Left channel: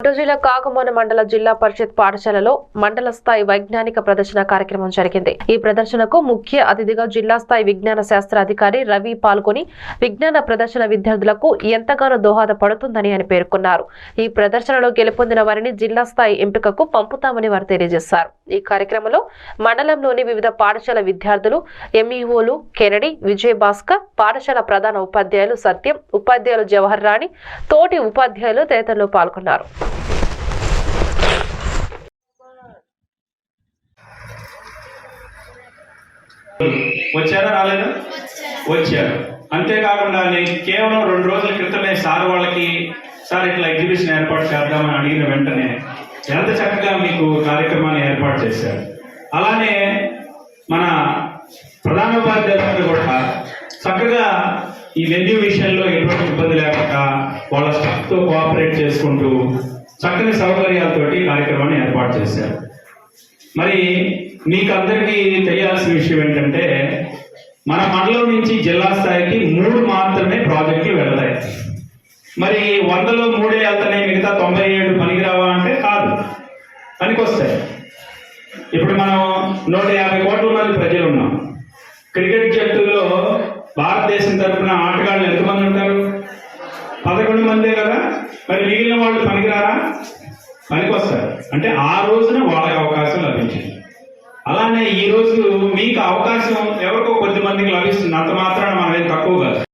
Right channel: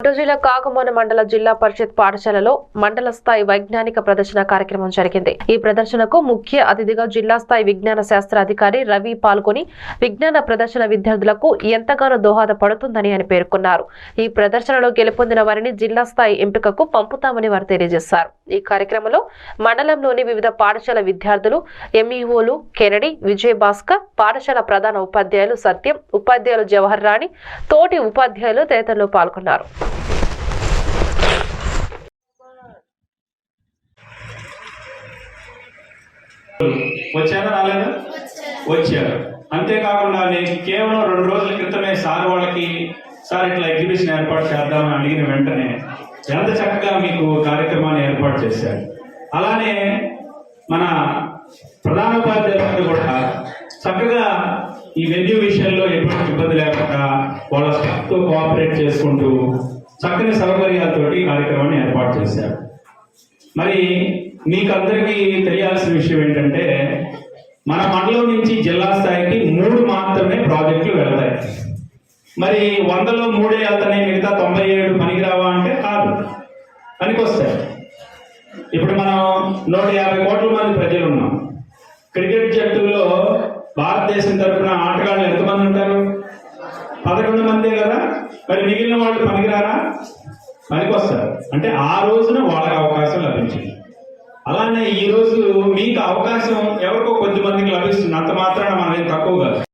గుంటూరు జిల్లా కాకమోన మండల జిల్లా పరిషత్ పాఠశాలలో మండల స్థాయి వైజ్ఞానిక ప్రదర్శన కార్యక్రమం జరిగింది. ఈ ప్రదర్శనకు ముఖ్య అతిథిగా జిల్లా స్థాయి విజ్ఞాన శాస్త్ర అధికారి రవి పాల్గొని విజ్ఞాన ప్రదర్శన విద్యార్థులకు ఎంతగానో దోహదపడుతుందని ఆయన పేర్కొన్నారు. ఈ ప్రదర్శనలో గెలుపొందిన వారిని జిల్లా స్థాయి ఎంపికకు పంపుతామని వారు తెలియజేశారు. ఈ కార్యక్రమంలో మండలంలోని వివిధ పాఠశాల విద్యార్థులు ఎంఈఓలు కెనడి విజయ్ భాస్కర్ పాఠశాల ప్రధాన ఉపాధ్యాయులు సత్యం ఉపాధ్యాయులు జవహర్ రాణి తోటి ఉపాధ్యాయులు తదితరులు పాల్గొన్నారు. వచ్చారా రాలేదా? వచ్చారు. అంతేకాకుండా నేను కేవలం రెండు రోజుల క్రితమే సార్ వాళ్ళకి సార్ ఇట్లా ఎగ్జిబిషన్ ఏర్పాటు చేద్దామని అడిగిన వెంటనే ఎంత చక్కగా మీకు కార్యక్రమాన్ని ఏర్పాటు చేశారు. అలానే మన ప్రధానోపాధ్యాయులు చక్కగా ఈ వెన్యూ విషయంలో ఎటువంటి ఇబ్బంది లేకుండా వాళ్ళ స్టాఫ్తో కోఆపరేట్ చేసుకుంటూ చక్కని సౌకర్యాలతోటి కార్యక్రమాన్ని ఏర్పాటు చేశారు. మరి మీకు అందరికీ తెలియాల్సిన విషయం ఏంటంటే మన మండలం నుంచి జిల్లా స్థాయికి మూడు మాత్రమే ప్రాజెక్టులు వెళతాయి. మరి వందలో మూడే వెళ్తున్నాయి మిగతా తొంభై ఏడు పనికిరావా అంటే కాదు. పనికొస్తాయి. ఇప్పుడు మనం నూట యాభై కోట్ల మంది ప్రజలు ఉన్నాం. క్రికెట్ జట్టులో భారతదేశం తరపున ఆటగాళ్ళు ఎంతమంది ఉంటారు? పదకొండు మందే కదా? మరి మిగిలిన వాళ్ళు పనికిరారా? పనికొస్తారు. అంటే ఆ రోజున వాళ్ళకి అవకాశం లభించింది. అలానే ఈ రోజు మీకు అవకాశం ఎవరికో కొద్ది మందికి లభిస్తుంది. అంత మాత్రాన మనం తక్కువ కాదు.